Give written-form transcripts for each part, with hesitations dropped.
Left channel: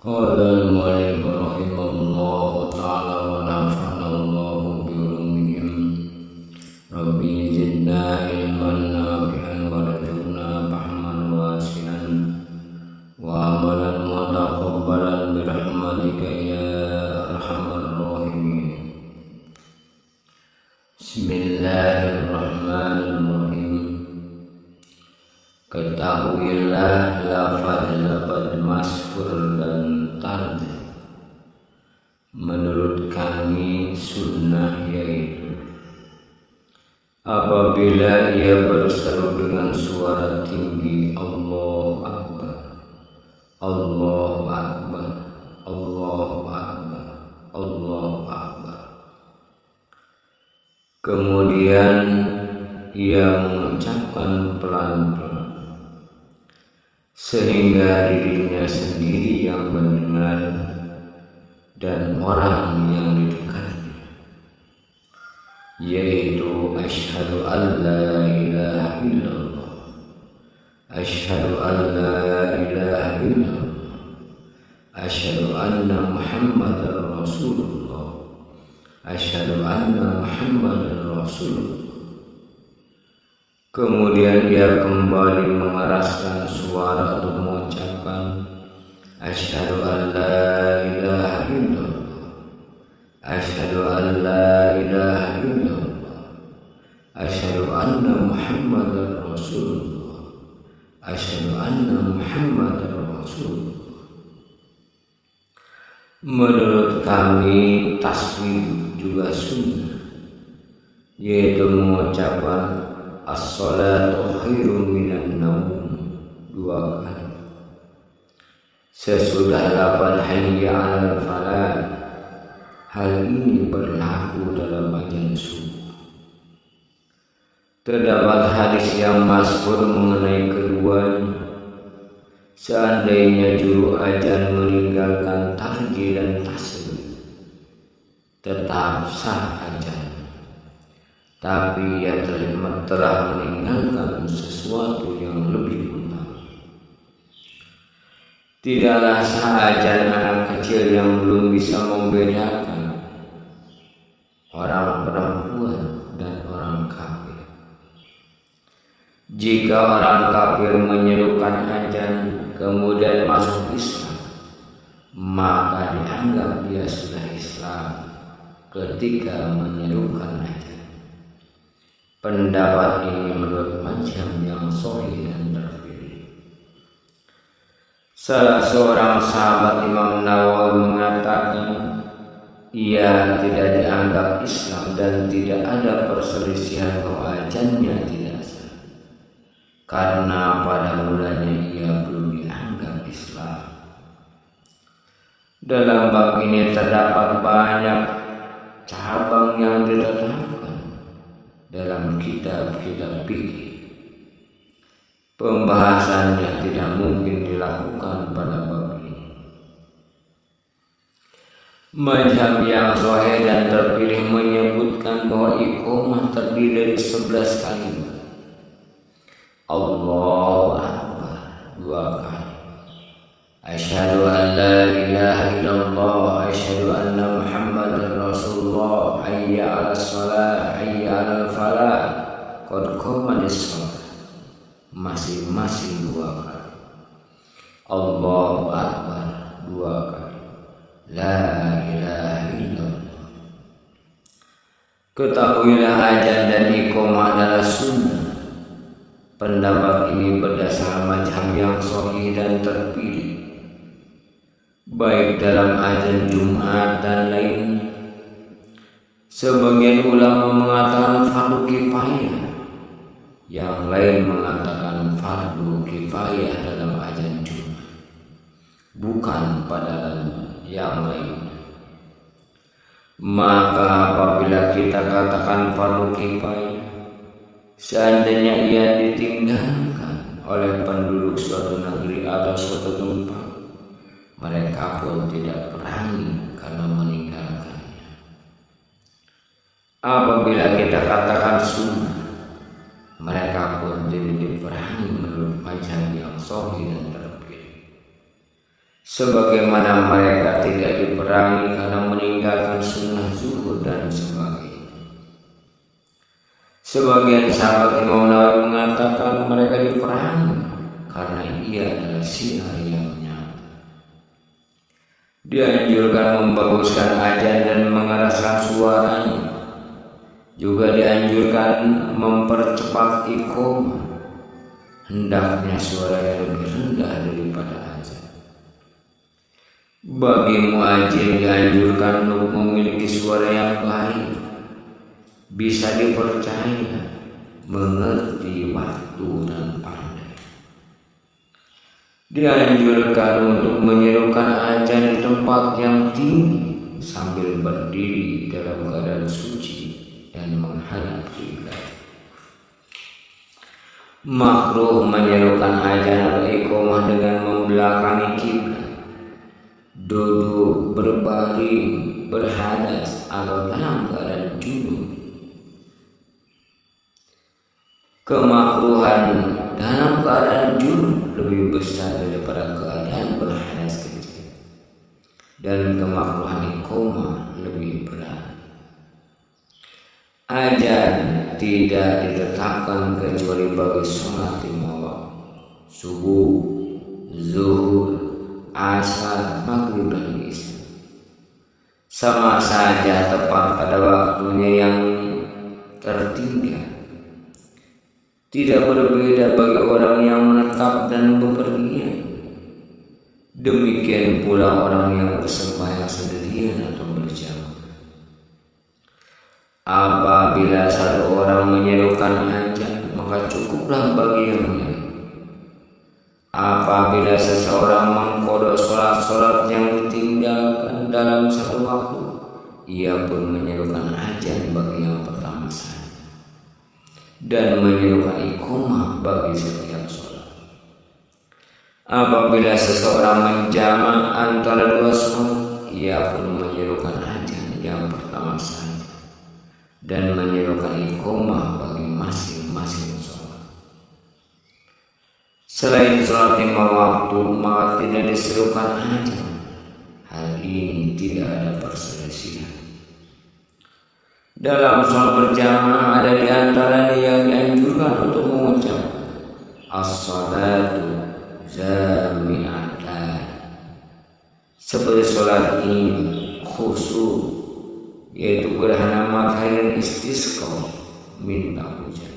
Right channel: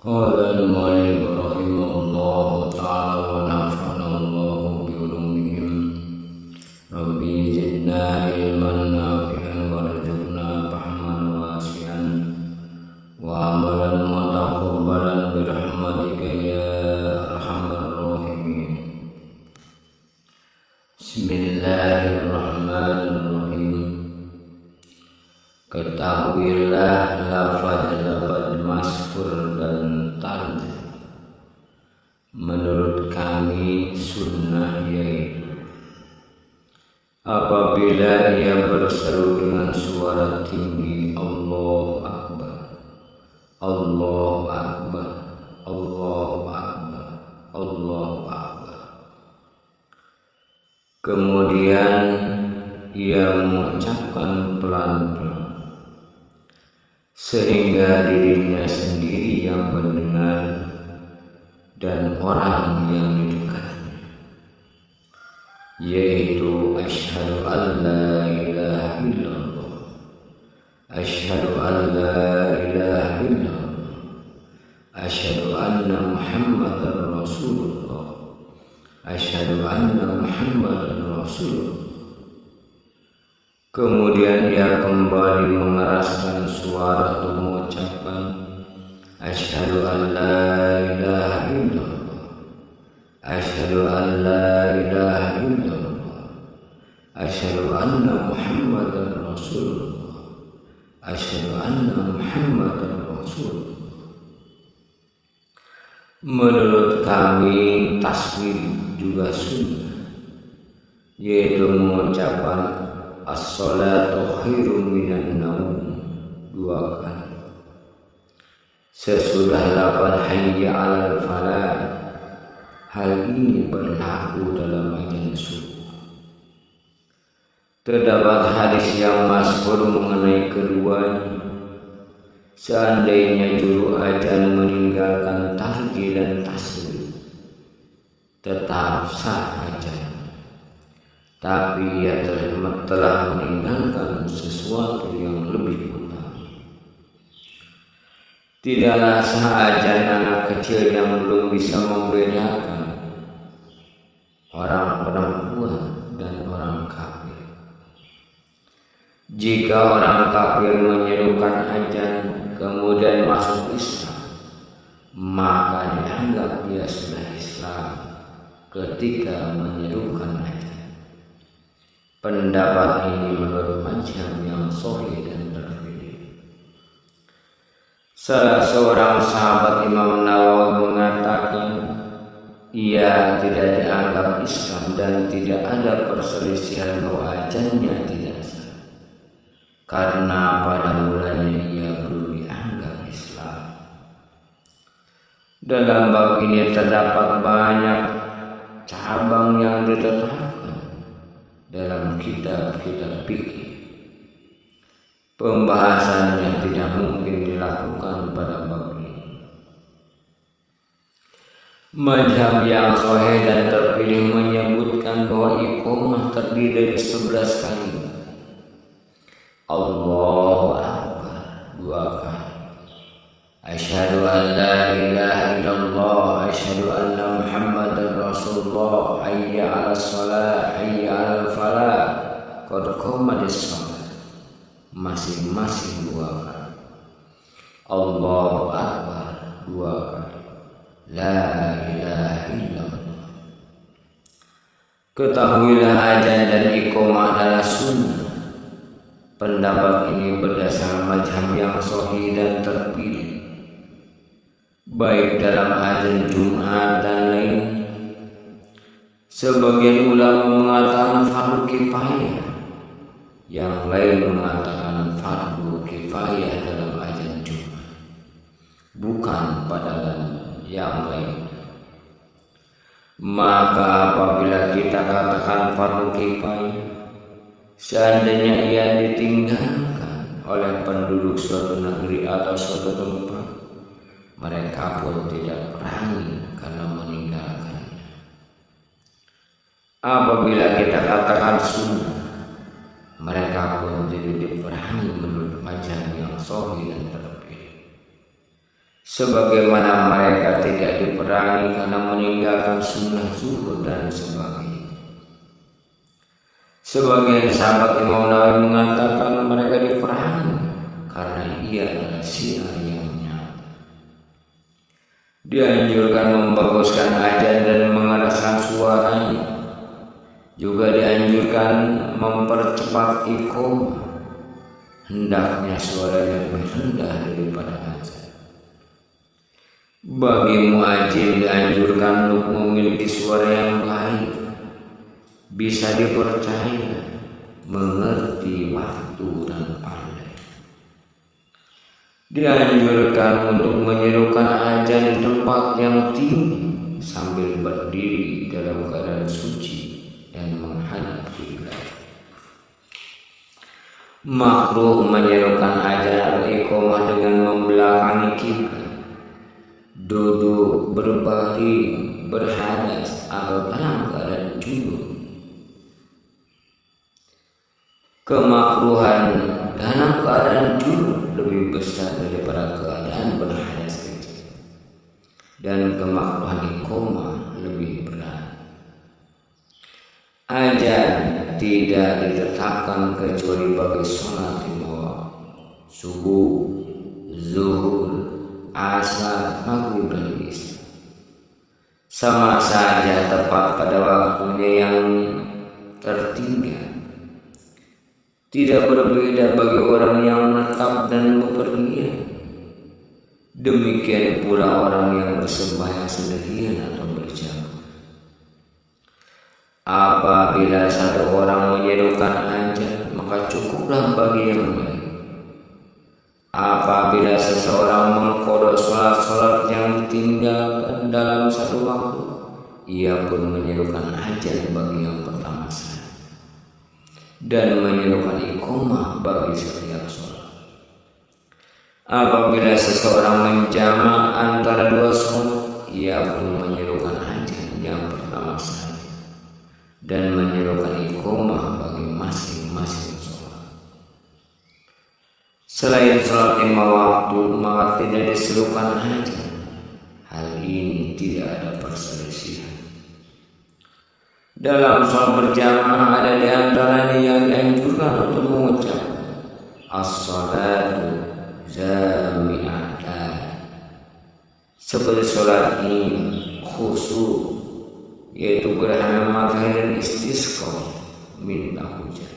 قال المؤلف رحمه الله تعالى ونفعنا الله بعلومهم ربي زدنا علما نافعا وارزقنا فهما واسعا وعملا متقبلا برحمتك يا ارحم الراحمين. Bismillahirrahmanirrahim. Ketahuilah lafaz-lafaz masfur dan tard menurut kami sunnah, yaitu apabila ia berseru dengan suara tinggi Allahu Akbar, Allahu Akbar, Allahu Akbar, Allahu Akbar, kemudian ia mengucapkan pelan-pelan sehingga dirinya sendiri yang mendengar dan orang yang di dekatnya, yaitu asyhadu an la ilaha illallah, asyhadu an la ilaha illallah, asyhadu anna muhammadar rasulullah, asyhadu anna muhammadar rasulullah. Kemudian ia kembali mengeraskan suara untuk mengucapkan asyhadu an la ilaha illallah, asyhadu an la ilaha illallah, asyhadu anna muhammadar rasulullah, asyhadu anna muhammadar rasulullah. Menurut kami tasbih juga sunnah, yaitu mengucapkan as-salatu khairum minan naum 2 kali sesudah 8 hayya 'alal falah. Hal ini berlaku dalam azan subuh. Terdapat hadis yang masyhur mengenai keduanya. Seandainya juru azan meninggalkan tahjid dan tasbih, tetap sah azan, tapi ia telah meninggalkan sesuatu yang lebih utama. Tidaklah sah azan anak kecil yang belum bisa membedakan orang perempuan dan orang kafir. Jika orang kafir menyerukan azan kemudian masuk Islam, maka dianggap dia sudah Islam ketika menyerukan azan. Pendapat ini menurut mazhab yang sahih dan terpilih. Salah seorang sahabat Imam Nawawi mengatakan ia tidak dianggap Islam dan tidak ada perselisihan bahwa azannya tidak sah, karena pada mulanya ia belum dianggap Islam. Dalam bab ini terdapat banyak cabang yang ditetapkan dalam kitab-kitab fikih. Pembahasannya tidak mungkin dilakukan pada bab ini. Mazhab yang sahih dan terpilih menyebutkan bahwa iqamah terdiri dari 11 kalimat. Allahu Akbar 2 kali, asyhadu an la ilaha illallah, asyhadu anna muhammadar rasulullah, hayya 'alas shalah, hayya 'alal falah, qad qamatis shalah, masing-masing 2 kali. Allahu Akbar 2 kali, la ilaha illallah. Ketahuilah azan dan iqamah adalah sunnah. Pendapat ini berdasar mazhab yang sahih dan terpilih, baik dalam azan Jumat dan lainnya. Sebagian ulama mengatakan fardu kifayah, yang lain mengatakan fardu kifayah dalam azan Jumat, bukan pada yang lain. Maka apabila kita katakan fardu kifayah, seandainya ia ditinggalkan oleh penduduk suatu negeri atau suatu tempat, mereka pun tidak berani karena meninggalkannya. Apabila kita katakan sunnah, mereka pun tidak diperangi menurut mazhab yang sahih dan terpilih. sebagaimana mereka tidak diperangi karena meninggalkan sunnah zuhur dan sebagainya. Sebagian sahabat Imam Nawawi mengatakan mereka diperangi karena ia adalah syiar yang nyata. Dianjurkan membaguskan azan dan mengeraskan suaranya. Juga dianjurkan mempercepat iqamah. Hendaknya suaranya lebih rendah daripada azan. Bagi muadzin dianjurkan untuk memiliki suara yang baik, bisa dipercaya, mengerti waktu dan pandai. Dianjurkan untuk menyerukan azan di tempat yang tinggi sambil berdiri dalam keadaan suci dan menghadap kiblat. Makruh menyerukan azan atau iqamah dengan membelakangi kiblat, duduk, berbaring, berhadas atau dalam keadaan junub. Kemakruhan dalam keadaan junub lebih besar daripada keadaan berhadas kecil, dan kemakruhan iqamah lebih berat. Azan tidak ditetapkan kecuali bagi sholat lima waktu: subuh, zuhur, asar, maghrib dan isya. Sama saja tepat pada waktunya yang tertinggal. Tidak berbeda bagi orang yang menetap dan bepergian. Demikian pula orang yang bersembahyang sendirian atau berjamaah. Apabila satu orang menyerukan azan, maka cukuplah bagi yang lain. Apabila seseorang mengqadha sholat-sholat yang ditinggalkan dalam satu waktu, ia pun menyerukan azan bagi yang pertama saja dan menyerukan iqamah bagi setiap sholat. Apabila seseorang menjamak antara dua sholat, ia pun menyerukan azan yang pertama saja dan menyerukan iqamah bagi masing-masing sholat. Selain sholat lima waktu, maka tidak diserukan azan. Hal ini tidak ada perselisihan. Dalam sholat berjamaah ada di antaranya yang dianjurkan untuk mengucap as-salatu jami'atan, seperti sholat ini khusyuk, yaitu gerhana matahari dan istisqa, minta hujan.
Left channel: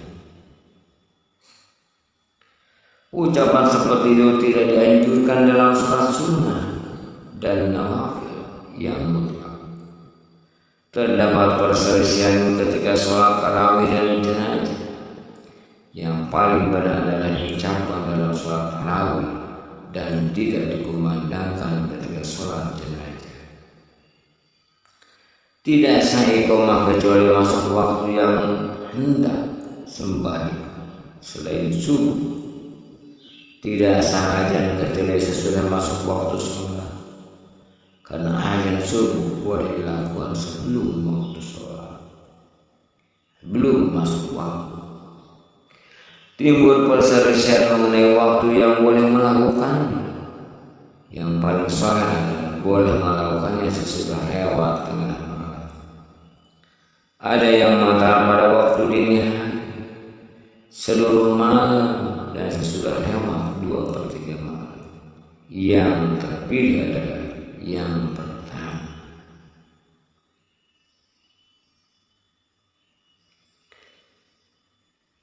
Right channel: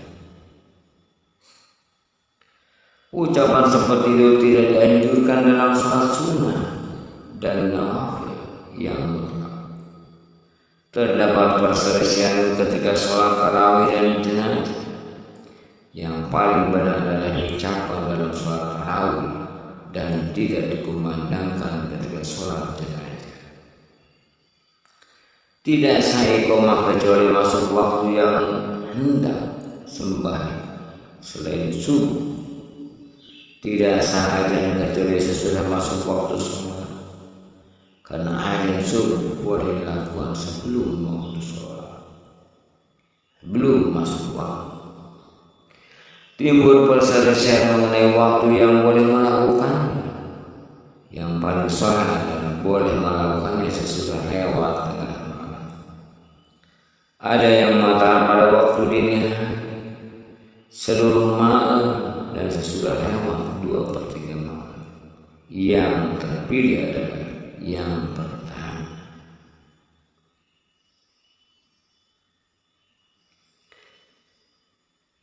Ucapan seperti itu tidak dianjurkan dalam sholat sunnah dan nawafil yang mutlak. Terdapat perselisihan ketika sholat tarawih dan jenazah. Yang paling benar adalah ucapan dalam sholat tarawih dan tidak dikumandangkan ketika sholat jenazah. Tidak sah iqamah kecuali masuk waktu yang hendak sembahyang selain subuh. Tidak sah azan kecuali sesudah masuk waktu sholat, karena azan subuh boleh dilakukan sebelum waktu sholat, belum masuk waktu. Timbul perselisihan mengenai waktu yang boleh melakukannya. Yang paling sahih adalah boleh melakukannya sesudah lewat tengah malam. Ada yang mengatakan pada waktu dini hari, seluruh malam, dan sesudah lewat 2/3 malam. Yang terpilih adalah yang pertama.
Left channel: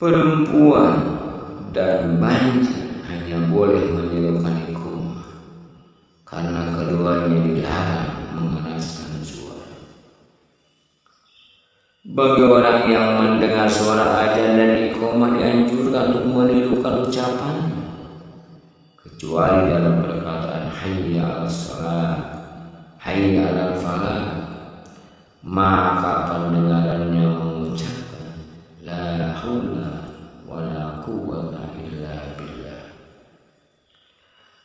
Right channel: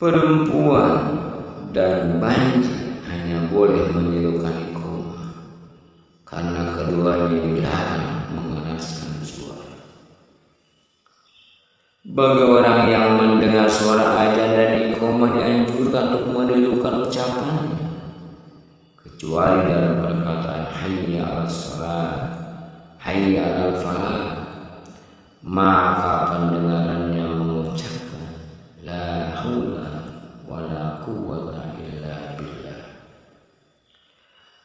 Perempuan dan banci hanya boleh menyerukan iqamah karena keduanya dilarang mengeraskan suara. Bagi orang yang mendengar suara azan dan iqamah dianjurkan untuk menirukan ucapannya, kecuali dalam perkataan hayya 'alas shalah, hayya 'alal falah, maka pendengarannya mengucapkan la haula wala quwwata illa billah.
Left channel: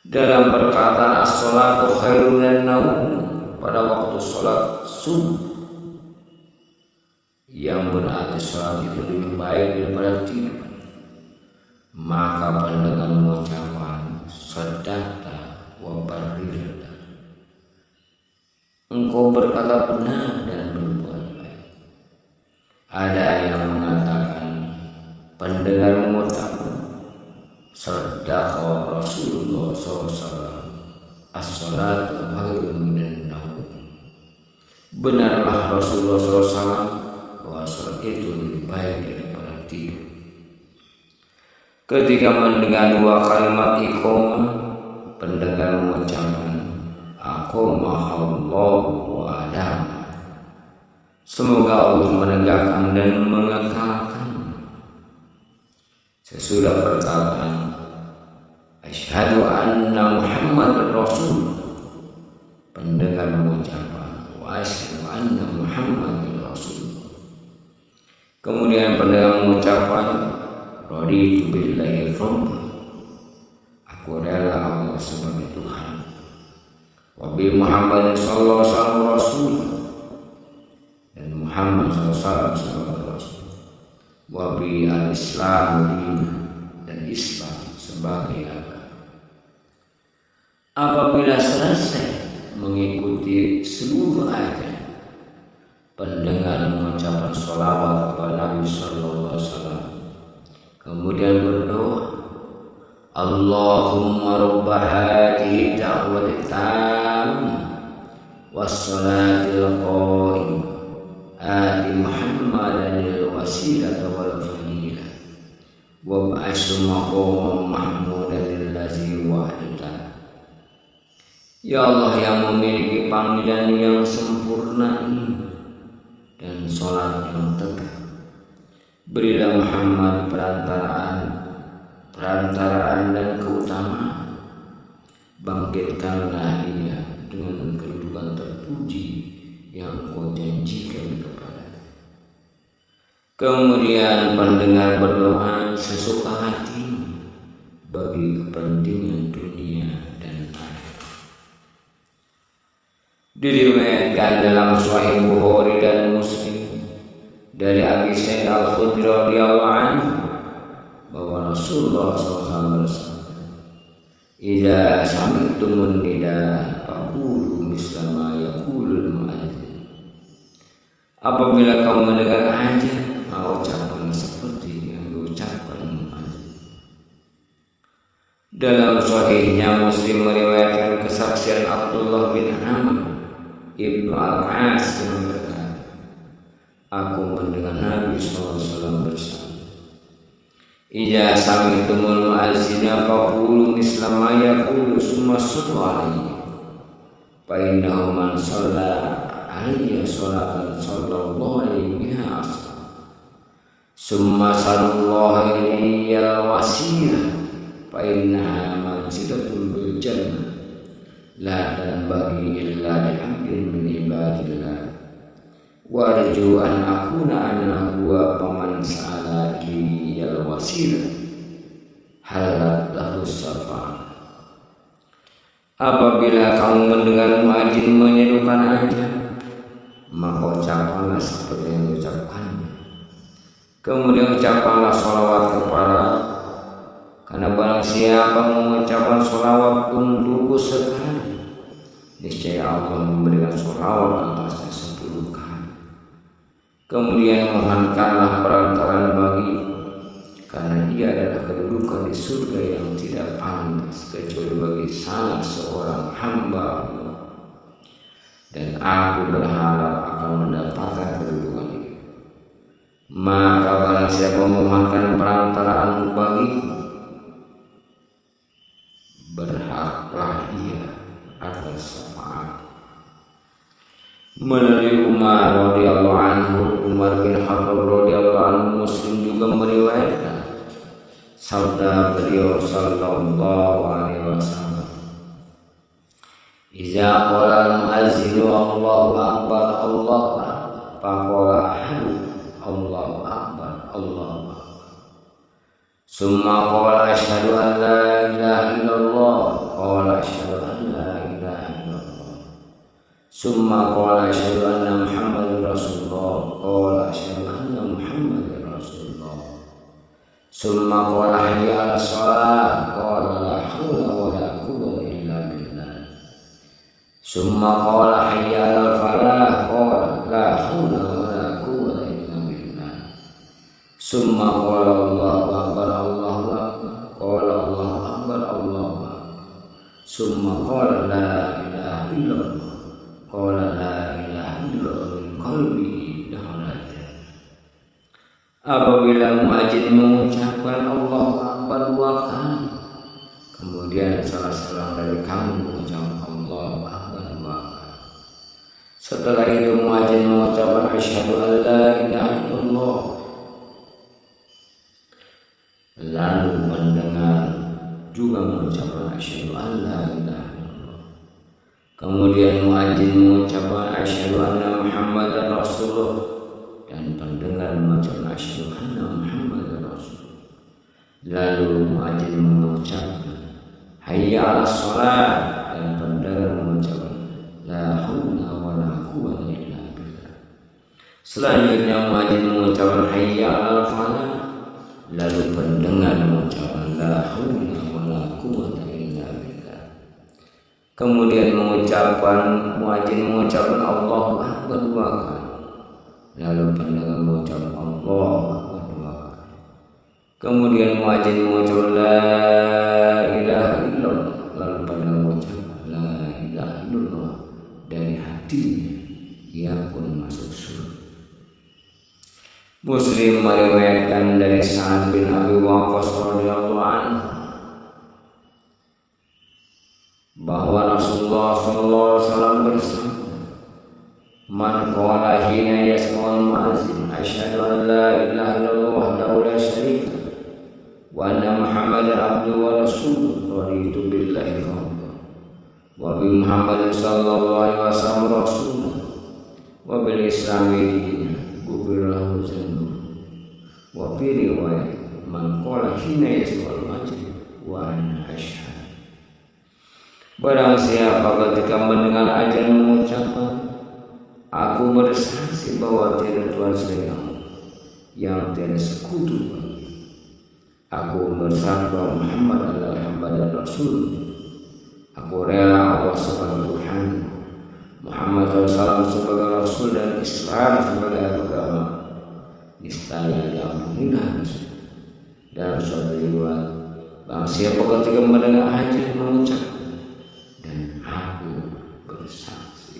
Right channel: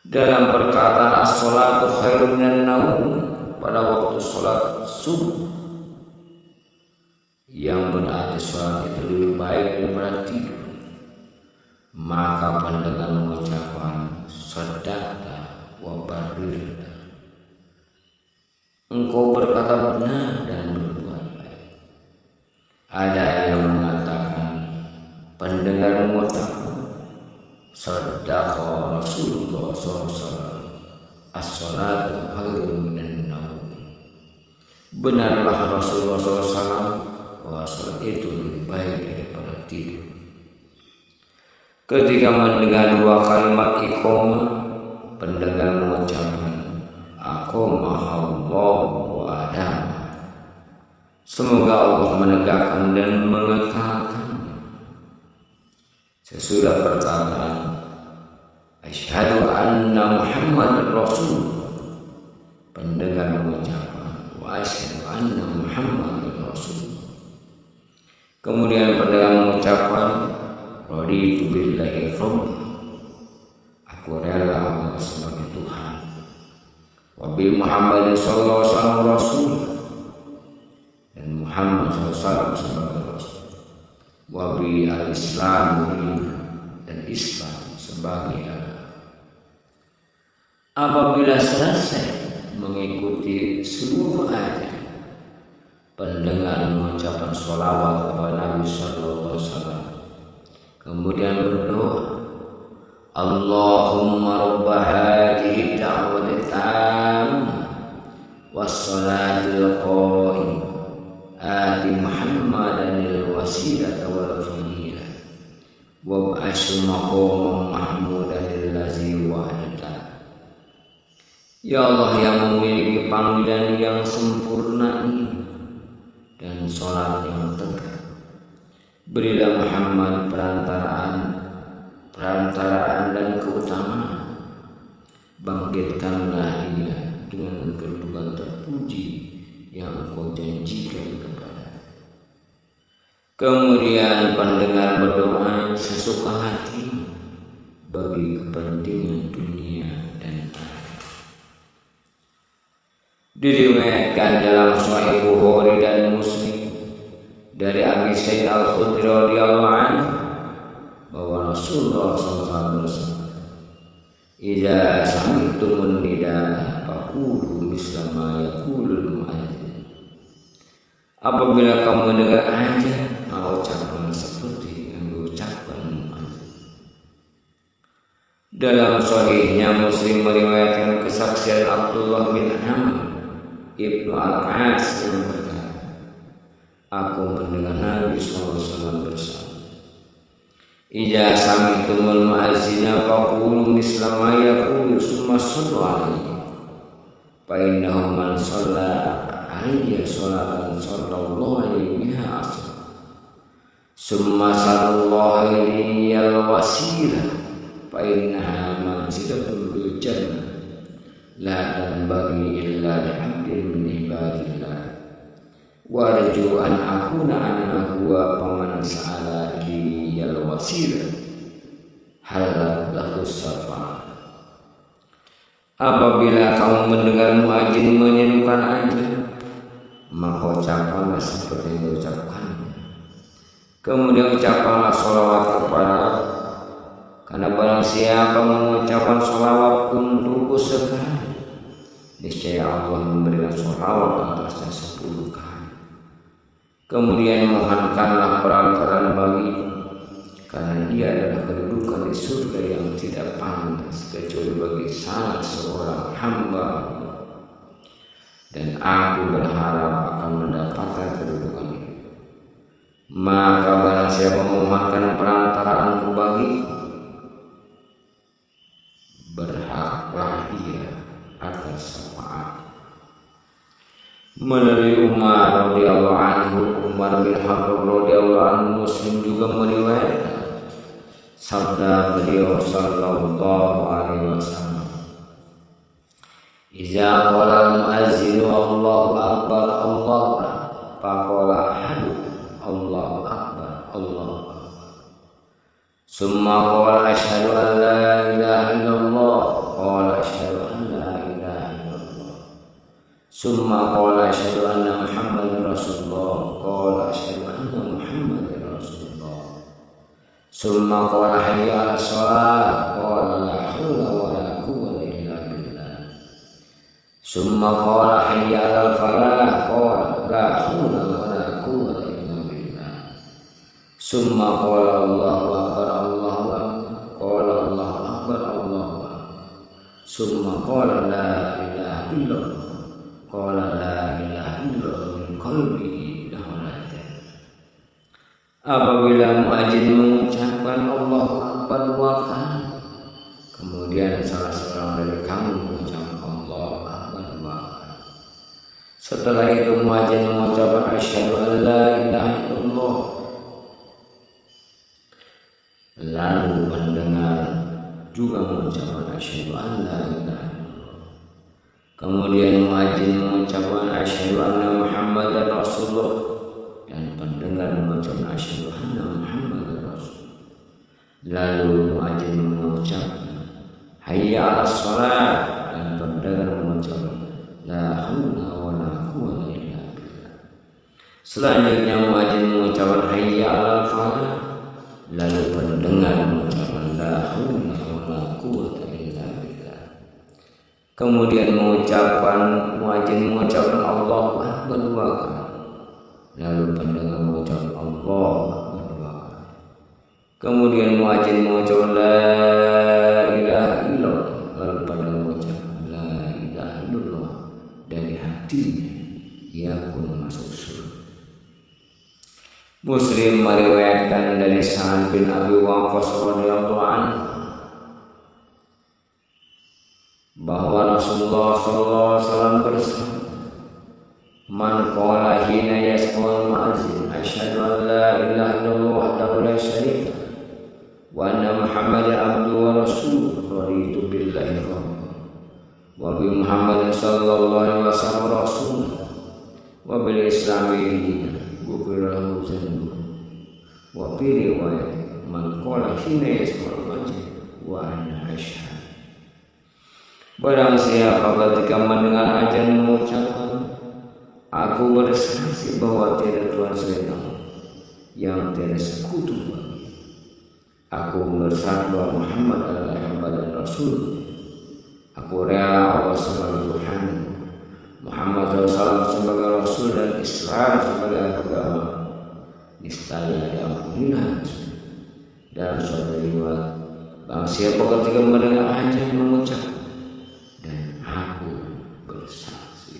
Dalam perkataan as-sholatu khairun minan naum, pada waktu sholat subuh, yang berarti sholat itu lebih baik daripada tidur, maka pendengar mengucapkan sadaqta wa barrir. Engkau berkata benar dan berbuat baik. Ada yang mengatakan pendengar mengucapkan sadaqa Rasulullah SAW, as-salatu khairun minan naum. Benarlah Rasulullah SAW bahwa salat itu lebih baik daripada tidur. Ketika mendengar dua kalimat iqamah, pendengar mengucapkan aqamahallahu wa adam. Semoga Allah menegakkan dan mengekalkan. Sesudah perkataan asyhadu anna Muhammadar Rasul, pendengar mengucapkan wa asyhadu anna Muhammadar Rasul. Kemudian pendengar mengucapkan raditu billahi rabb, aku rela Allah sebagai Tuhan, wa bi Muhammadin sallallahu alaihi wasallam rasul, dan Muhammad SAW sebagai rasul, wa bi al-islam dan Islam sebagai agama. Apabila selesai mengikuti seluruh ayat, pendengar mengucapkan sholawat kepada Nabi Sallallahu Alaihi Wasallam, kemudian berdoa, Allahumma rabba hadhihi da'wati tammah was-salatil qa'imah ati Muhammadanil wasilata wal fadilah wab'ashu maqaman mahmudan allazi wa'adta. Ya Allah yang memiliki panggilan yang sempurna ini dan sholat yang tegak, berilah Muhammad perantaraan dan keutamaan. Bangkitkanlah ia dengan kedudukan terpuji yang Engkau janjikan kepada. Kemudian pendengar berdoa sesuka hati bagi kepentingan dunia dan akhirat. Diriwayatkan dalam Sahih Bukhari dan Muslim dari Abi Sa'id Al-Khudri radhiyallahu anhu bahwa Rasulullah SAW bersabda, "Idza sami'tumun nidaa faqulu misla ma yaqulul mu'adzin." Apabila kamu mendengar azan, maka ucapkan seperti yang diucapkan muadzin. Dalam sahihnya Muslim meriwayatkan kesaksian Abdullah bin Amr Ibnu Al-As yang berkata, aku mendengar Nabi SAW bersabda, "Idza sami'tumul mu'azzina faqulu misla ma yaqulu summa sallu alaihi fa innahu man shalla alayya sholatan sallallahu alaihi biha asra summa sallallahu alaihi al-wasilah fa innaha manzilatun bil jannah la tanbaghi illa li 'abdin min ibadillah wa arju an akuna ana huwa faman sa'ala liyal wasilah halat lahu syafa'a." Apabila kamu mendengar muadzin menyerukan azan, maka ucapkanlah seperti yang diucapkannya. Kemudian ucapkanlah sholawat kepada, karena barang siapa mengucapkan sholawat untukku sekali, niscaya Allah memberikan sholawat atasnya 10 kali. Kemudian mohonkanlah perantaraan bagiku, karena ia adalah kedudukan di surga yang tidak pantas kecuali bagi salah seorang hamba Allah, dan aku berharap akan mendapatkan kedudukan itu. Maka barang siapa memohonkan perantaraan bagiku, berhaklah ia atas syafaat. Melalui Umar radhiyallahu anhu, Umar bin Khattab radhiyallahu anhu, Muslim juga meriwayatkan sabda beliau sallallahu alaihi wasallam, "Idza qala al-mu'azzinu Allahu akbar Allahu akbar faqala ahadu Allahu akbar Allahu akbar summa qala asyhadu an la ilaha illallah qala asyhadu an la ilaha illallah summa qala asyhadu anna Muhammadar Rasulullah qala asyhadu anna Muhammadar Rasulullah summa qala hayya 'alas shalah qala la haula wa la quwwata illa billah Summa qala hayya 'alal falah, qala la haula wala quwwata illa billah. Summa qala Allahu akbar, Allahu akbar, qala Allahu akbar, Allahu akbar. Summa qala la ilaha illallah, qala la ilaha illallah min qalbihi dahulatan. Apabila muadzin mengucapkan Allahu akbar 2 kali, kemudian salah seorang dari kamu mengucapkan Allahu akbar 2 kali. Setelah itu muadzin mengucapkan asyhadu an la ilaha illallah. Lalu pendengar juga mengucapkan asyhadu an la ilaha illallah. Kemudian muadzin mengucapkan asyhadu anna Muhammadar Rasulullah, dan pendengar mengucapkan asyhadu anna Muhammadar Rasulullah. Lalu muadzin mengucapkan hayya 'alas shalah, dan pendengar mengucapkan la haula wala quwwata illa billah. Selanjutnya muadzin mengucapkan hayya 'alal falah, lalu pendengar mengucapkan la haula wala quwwata illa billah. Kemudian muadzin mengucapkan Allahu akbar 2 kali, lalu pendengar mengucapkan Allahu akbar 2 kali. Kemudian muadzin mengucapkan la ilaha illallah, lalu pendengar mengucapkan la ilaha illallah. Dari hatinya ia pun masuk surga. Muslim meriwayatkan dari Sa'ad bin Abi Waqqas radhiyallahu anhu bahwa Rasulullah sallallahu alaihi wasallam bersabda, "Man qala hina yasma'ul mu'azzin asyhadu an la ilaha illallah wahdahu la syarika wa anna Muhammadan abduhu wa rasuluhu raditu billahi rabban wa bi Muhammadin sallallahu alaihi wasallam rasulan wa bil islami dinan ghufira lahu dzanbuhu." Wa fi riwayat man qala hina yasma'ul mu'azzin wa ana asyhadu. Barang siapa ketika mendengar azan mengucapkan, aku bersaksi bahwa tiada Tuhan selain Allah, yang tiada sekutu bagi. Aku bersaksi bahwa Muhammad adalah hamba dan Rasul. Aku rela Allah sebagai Tuhan, Muhammad SAW sebagai Rasul, dan Islam sebagai agama. Niscaya diampunilah dosa. Dalam suatu riwayat, barang siapa ketika mendengar azan mengucapkan, dan aku bersaksi.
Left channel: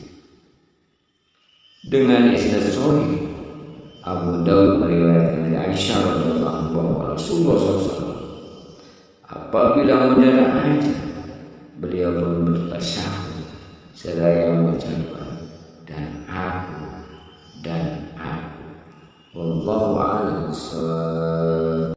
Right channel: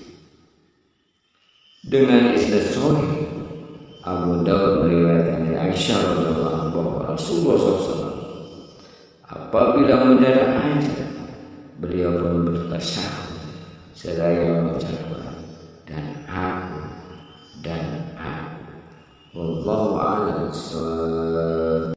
Dengan isnad sahih, Abu Daud meriwayatkan dari Aisyah radhiyallahu anha bahwa Rasulullah SAW apabila mendengar azan, beliau pun bertasyahud seraya mengucapkan dan aku. Wallahu a'lam bishawab.